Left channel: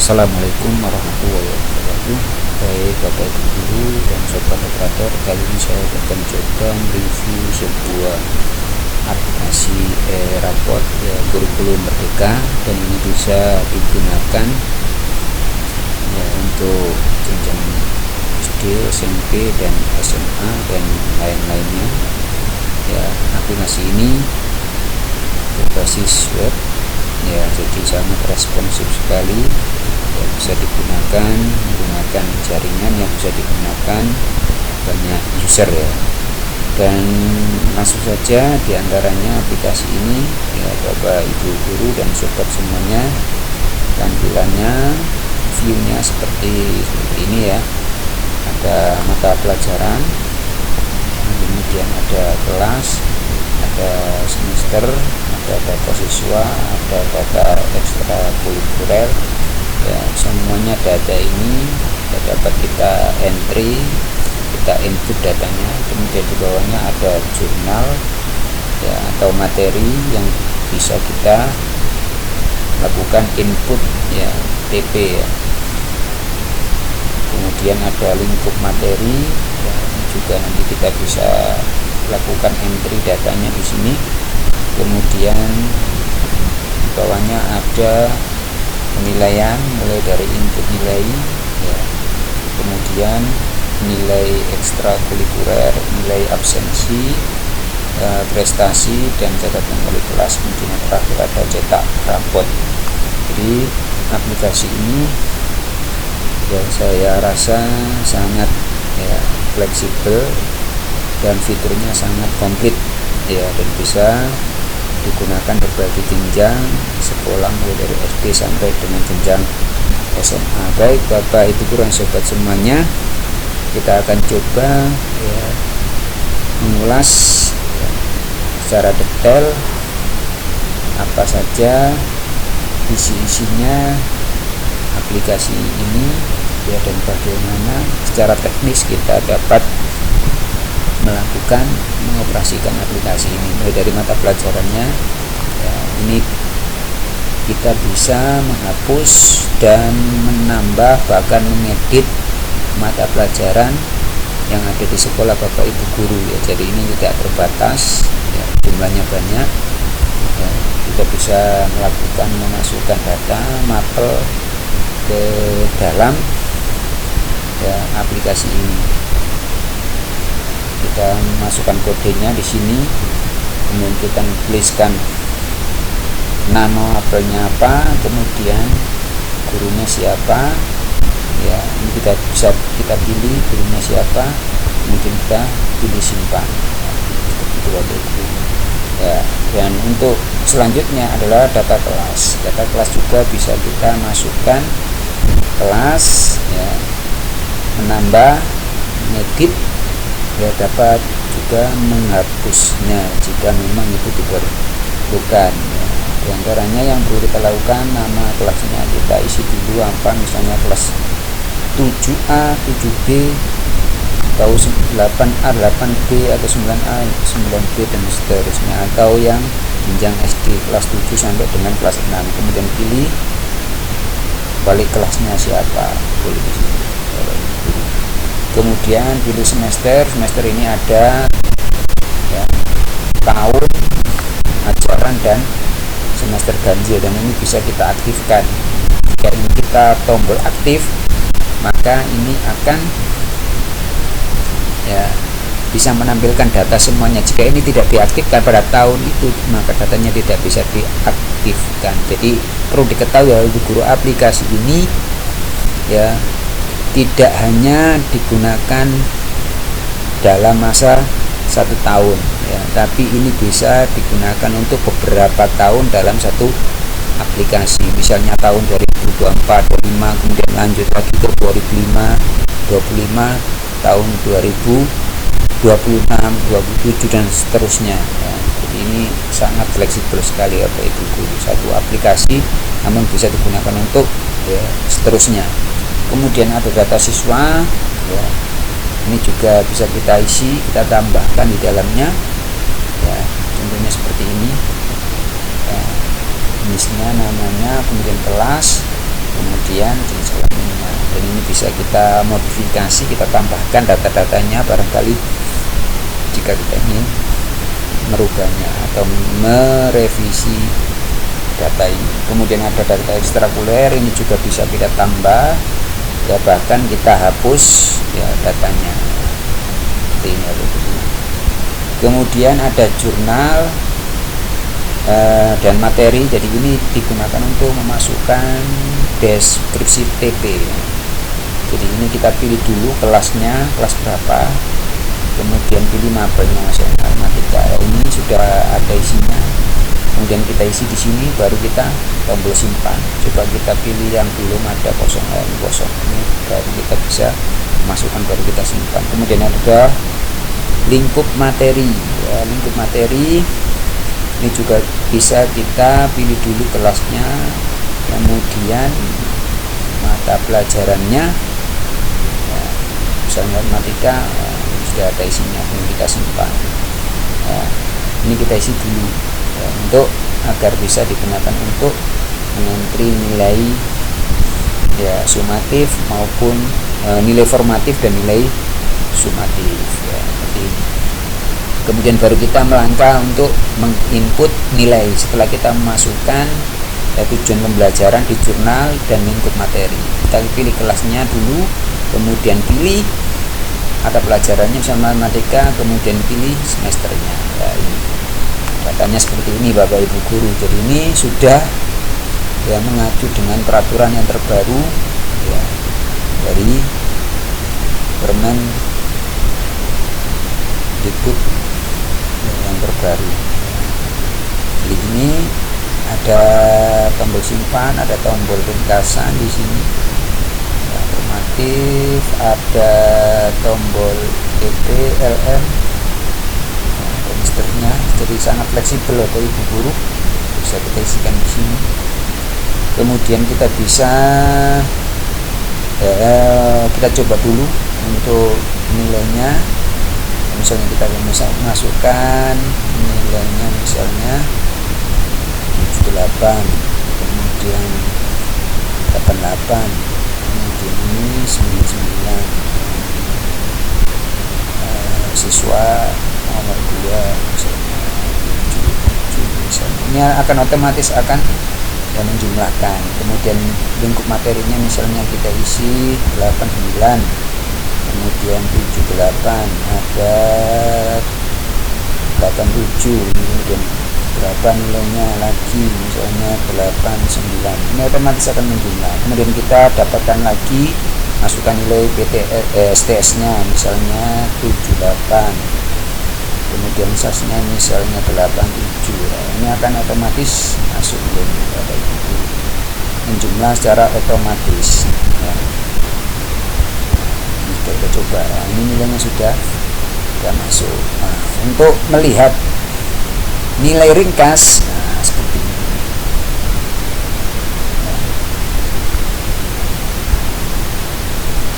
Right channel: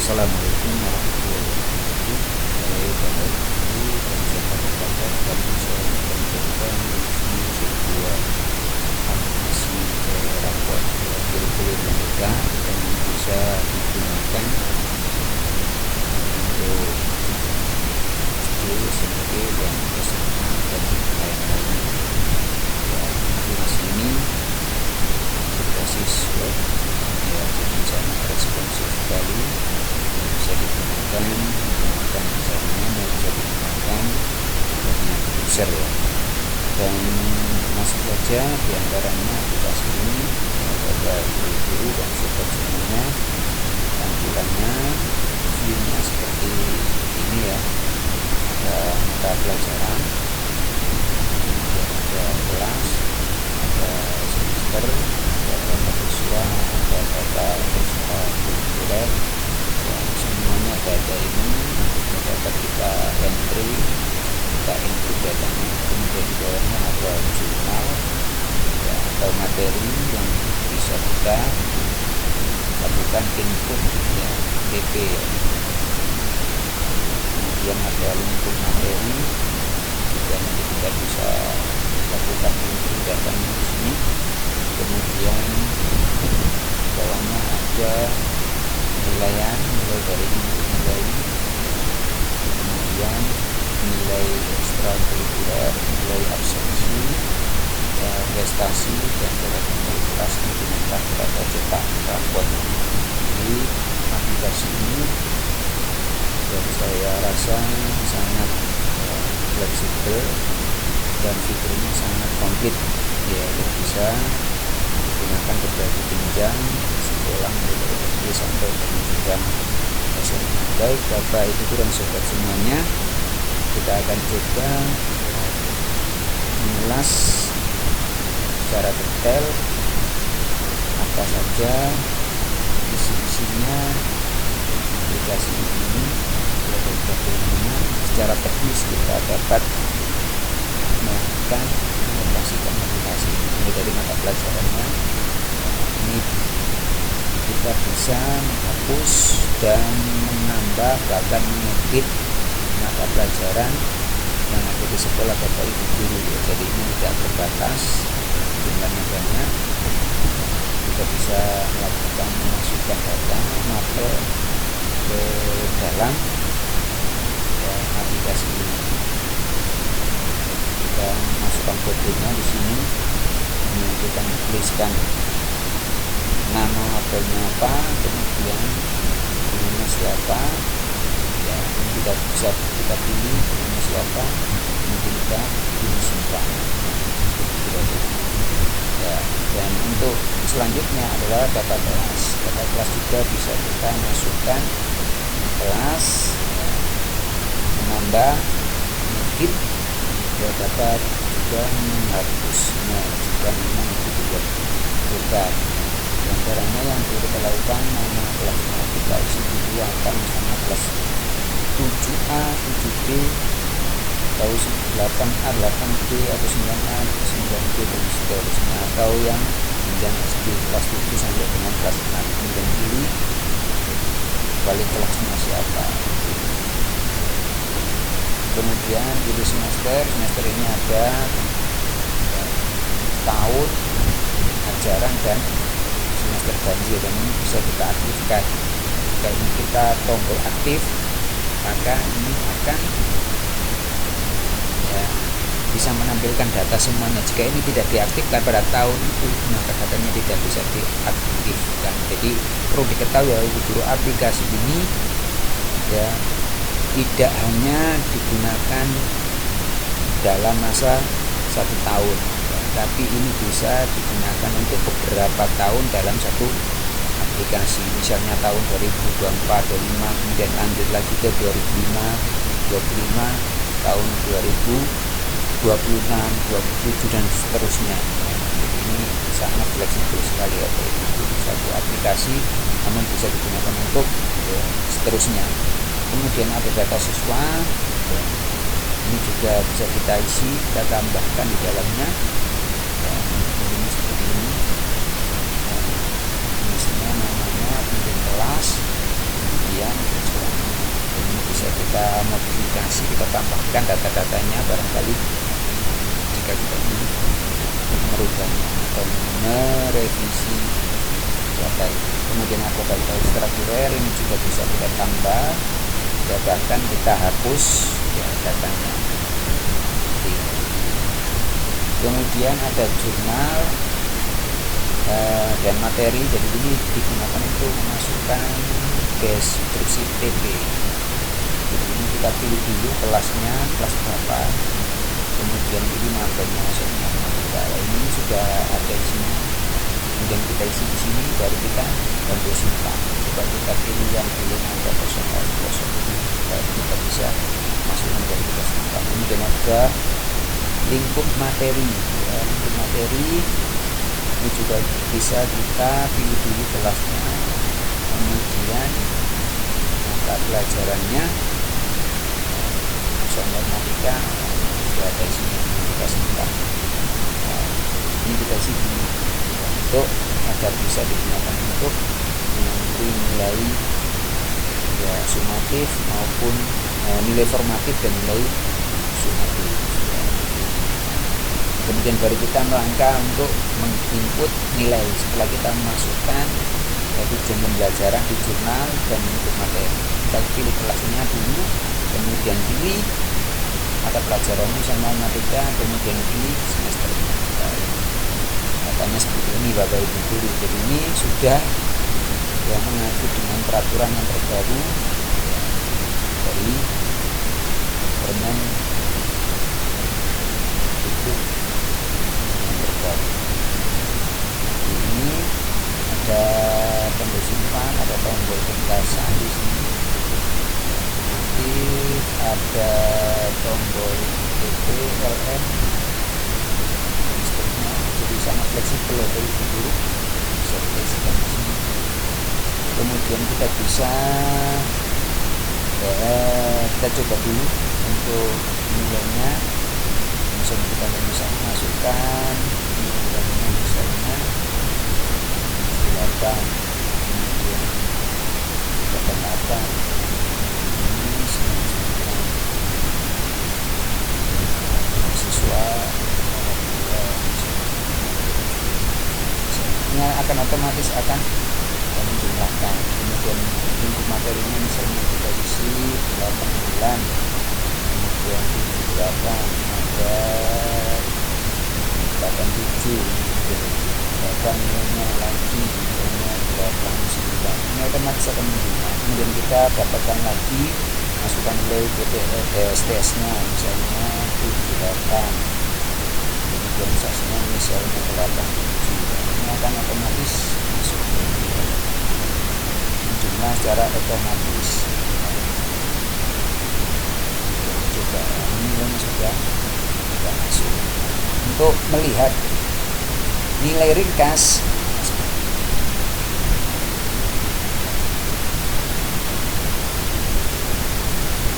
Assalamualaikum warahmatullahi wabarakatuh. Baik Bapak Ibu Guru dan Sobat Operator, kali ini saya akan coba mereview sebuah aplikasi raport ya, kurikulum merdeka, dan ini bisa digunakan ya, untuk jenjang SD, SMP, dan SMA dan lain-lainnya. Ya, aplikasi ini berbasis web ya, jadi sangat responsif sekali ya, bisa digunakan menggunakan jaringan yang bisa digunakan banyak user ya. Dan langsung saja diantaranya aplikasi ini ya, Bapak Ibu Guru dan Sobat semuanya, tampilannya viewnya seperti ini ya. Ada mata pelajaran, kemudian ada kelas, ada semester, ada data siswa, ada data ekstrakurikuler ya, semuanya data ini dapat kita entry, kita input datanya. Kemudian di bawahnya ada jurnal ya, atau materi yang bisa kita lakukan input ya, TP ya. Kemudian ada lingkup materi ya, juga nanti kita bisa lakukan entry datanya di sini. Kemudian di bawahnya ada penilaian mulai dari input nilai ya, kemudian nilai ekstrakurikuler, nilai absensi, prestasi, dan catatan wali kelas. Kemudian terakhir ada cetak raport. Jadi aplikasi ini yang saya rasa sangat ya, fleksibel dan fiturnya sangat komplit ya, dan bisa digunakan berbagai jenjang sekolah mulai dari SD sampai dengan jenjang SMA. Baik Bapak Ibu Guru dan Sobat semuanya, kita akan coba ya, mengulas ya, secara detail apa saja isi-isinya aplikasi ini ya, dan bagaimana secara teknis kita dapat mengoperasikan aplikasi ini. Mulai dari mata pelajarannya ya, ini kita bisa menghapus dan menambah bahkan mengedit mata pelajaran yang ada di sekolah Bapak Ibu Guru ya. Jadi ini tidak terbatas ya, jumlahnya banyak ya. Kita bisa melakukan memasukkan data mapel ke dalam ya, aplikasi ini. Kita masukkan kodenya di sini, kemudian kita tuliskan nama apelnya apa, kemudian gurunya siapa ya, ini kita bisa kita pilih gurunya siapa, kemudian kita pilih simpan ya, seperti itu ya. Dan untuk selanjutnya adalah data kelas. Data kelas juga bisa kita masukkan kelas ya, menambah, mengedit ya, dapat juga menghapusnya jika memang itu diperlukan ya. Di antaranya yang perlu kita lakukan, nama kelasnya kita isi dulu apa, misalnya kelas 7A, 7B, atau 8A, 8B, atau 9A, 9B, dan seterusnya, atau yang jenjang SD kelas 7 sampai dengan kelas 6. Kemudian pilih balik kelasnya siapa, pilih di sini. Kemudian pilih semester. Semester ini ada ya, tahun ajaran dan semester ganjil, dan ini bisa kita aktifkan. Jika ini kita tombol aktif, maka ini akan ya, bisa menampilkan data semuanya. Jika ini tidak diaktifkan pada tahun itu, maka datanya tidak bisa diaktifkan. Jadi perlu diketahui ya Ibu Guru, aplikasi ini ya tidak hanya digunakan dalam masa 1 tahun ya, tapi ini bisa digunakan untuk beberapa tahun dalam satu aplikasi. Misalnya tahun 2024, 25, kemudian lanjut lagi ke 2025, 25, tahun 2026, 27, dan seterusnya ya. Jadi ini sangat fleksibel sekali ya Bapak Ibu Guru, satu aplikasi namun bisa digunakan untuk ya, seterusnya. Kemudian ada data siswa ya, ini juga bisa kita isi, kita tambahkan di dalamnya ya, contohnya seperti ini ya, misalnya namanya, kemudian kelas, kemudian jenis kelaminnya, dan ini bisa kita modifikasi, kita tambahkan data-datanya barangkali jika kita ingin merubahnya atau merevisi data ini. Kemudian ada data ekstrakuler, ini juga bisa kita tambah ya, bahkan kita hapus ya datanya. Ini kemudian ada jurnal dan materi, jadi ini digunakan untuk memasukkan deskripsi TP. Jadi ini kita pilih dulu kelasnya, kelas berapa, kemudian pilih mapelnya matematika. Ini sudah ada isinya, kemudian kita isi di sini, baru kita tombol simpan. Coba kita pilih yang belum ada kosong, ini baru kita bisa masukkan, baru kita simpan. Kemudian ada lingkup materi ya, lingkup materi ini juga bisa kita pilih dulu kelasnya, kemudian mata pelajarannya ya, misalnya matematika sudah ada isinya, kemudian kita simpan ya, ini kita isi dulu ya, untuk agar bisa digunakan untuk mengentri nilai ya sumatif maupun nilai formatif dan nilai sumatif ya, seperti ini. Kemudian baru kita melangkah untuk menginput nilai setelah kita memasukkan ya, tujuan pembelajaran di jurnal dan lingkup materi. Kita pilih kelasnya dulu, kemudian pilih mata pelajarannya misalnya matematika, kemudian pilih semesternya ya, ini datanya seperti ini Bapak Ibu guru. Jadi ini sudah ya mengacu dengan peraturan yang terbaru ya, dari Permen Dikbud yang terbaru. Jadi ini ada tombol simpan, ada tombol ringkasan di sini ya, formatif, ada tombol EP, LM dan seterusnya. Jadi sangat fleksibel Bapak Ibu guru, bisa kita isikan di sini. Kemudian kita bisa kita coba dulu untuk nilainya. Misalnya kita bisa masukkan nilainya misalnya 8, kemudian 88, kemudian ini 99, siswa nomor 2 misalnya 7 misalnya. Ini akan otomatis akan ya, menjumlahkan. Kemudian lingkup materinya misalnya kita isi 89, kemudian 78, ada 87, kemudian berapa nilainya lagi misalnya 89, ini otomatis akan menjumlah. Kemudian kita dapatkan lagi, masukkan nilai STS nya misalnya 78, kemudian SAS-nya misalnya 87 ya. Ini akan otomatis masuk nilai menjumlah secara otomatis ya. Kita coba, ini nilainya sudah masuk. Nah, untuk melihat nilai ringkas, nah seperti ini nah,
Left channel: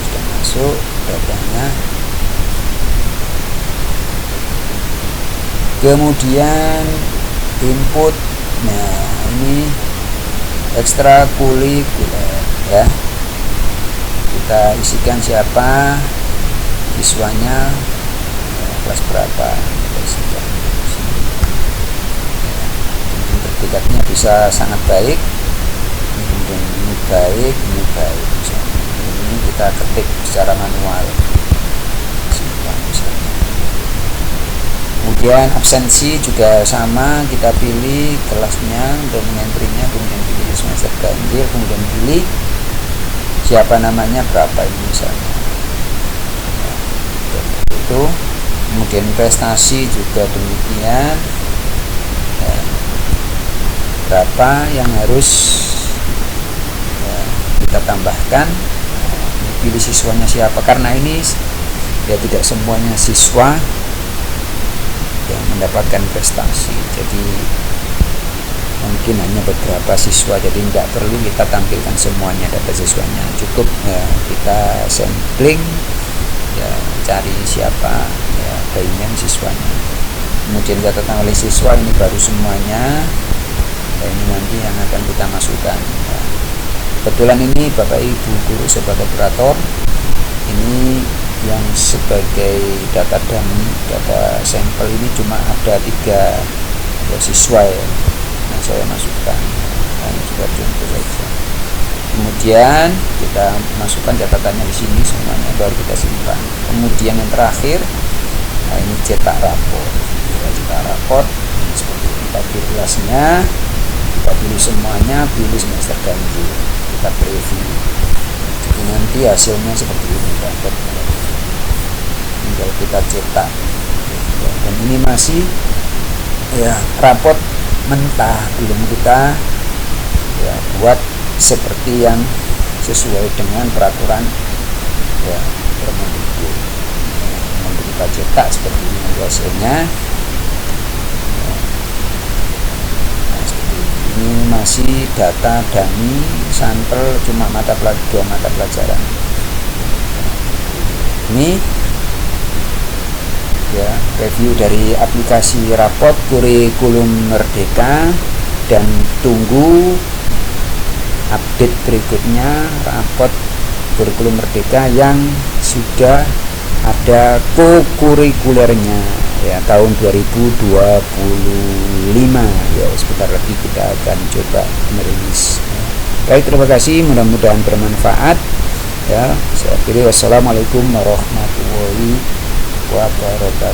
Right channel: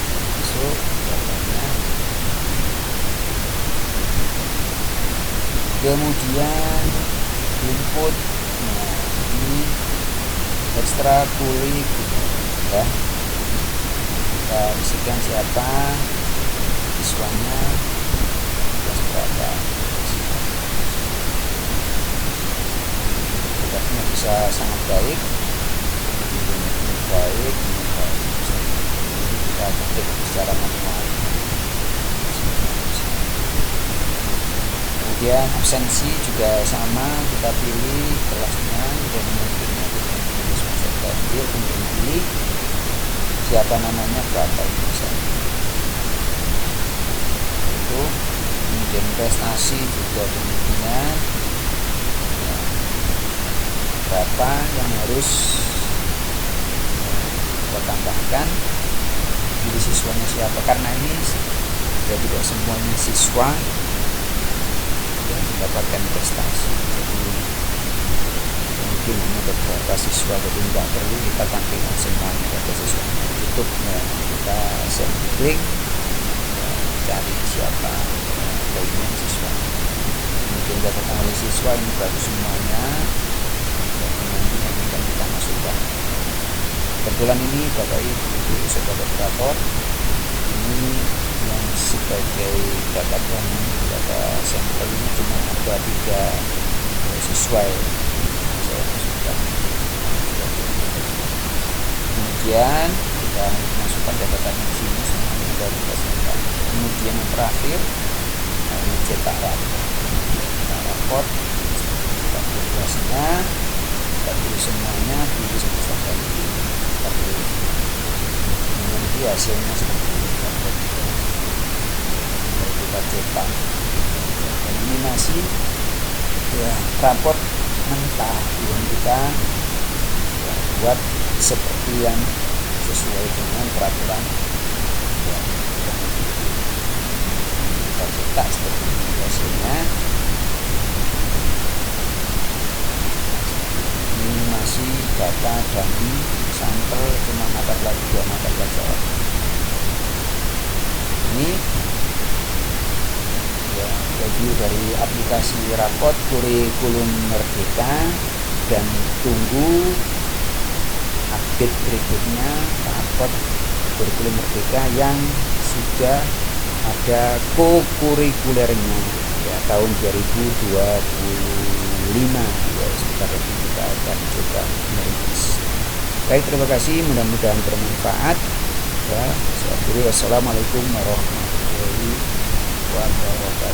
sudah masuk datanya. Kemudian input, nah ini ekstrakurikuler ya, kita isikan siapa siswanya, kelas berapa, kita isikan. Sertifikatnya bisa sangat baik, kemudian ini baik, misalnya. Ini kita ketik secara manual misalnya. Kemudian absensi juga sama, kita pilih kelasnya dan mengentrinya, kemudian pilih semester ganjil, kemudian pilih siapa namanya, berapa ini misalnya ya, itu. Kemudian prestasi juga demikian ya, berapa yang harus ya, kita tambahkan. Nah, ini pilih siswanya siapa, karena ini ya tidak semuanya siswa yang mendapatkan prestasi, jadi mungkin hanya beberapa siswa, jadi tidak perlu kita tampilkan semuanya data siswanya, cukup ya, kita sampling ya, cari siapa ya, payment siswanya, kemudian catatan oleh siswa, ini baru semuanya ya, ini nanti yang akan kita masukkan ya. Kebetulan ini Bapak Ibu guru sebagai operator, ini yang sebagai data dummy, data sampel ini cuma ada 3 siswa ya, yang saya masukkan. Ini juga contoh saja. Kemudian kita masukkan catatannya di sini semuanya, baru kita simpan. Kemudian yang terakhir, nah ini cetak rapor. Ya, cetak rapor ini seperti kita pilih kelasnya, kita pilih semuanya, pilih semester ganjil, kita preview. Jadi nanti hasilnya seperti ini, rapor. Tinggal kita cetak. Ya, dan ini masih ya raport mentah, belum kita ya buat seperti yang sesuai dengan peraturan ya Permendikbud. Nanti kita cetak seperti ini hasilnya. Nah, seperti ini masih data dummy sampel, cuma 2 mata pelajaran. Ini ya review dari aplikasi raport kurikulum Merdeka, dan tunggu update berikutnya raport kurikulum Merdeka yang sudah ada kokurikulernya ya tahun 2025 ya. Sebentar lagi kita akan coba merilis. Baik, terima kasih, mudah-mudahan bermanfaat ya. Saya akhiri, wassalamualaikum warahmatullahi wabarakatuh.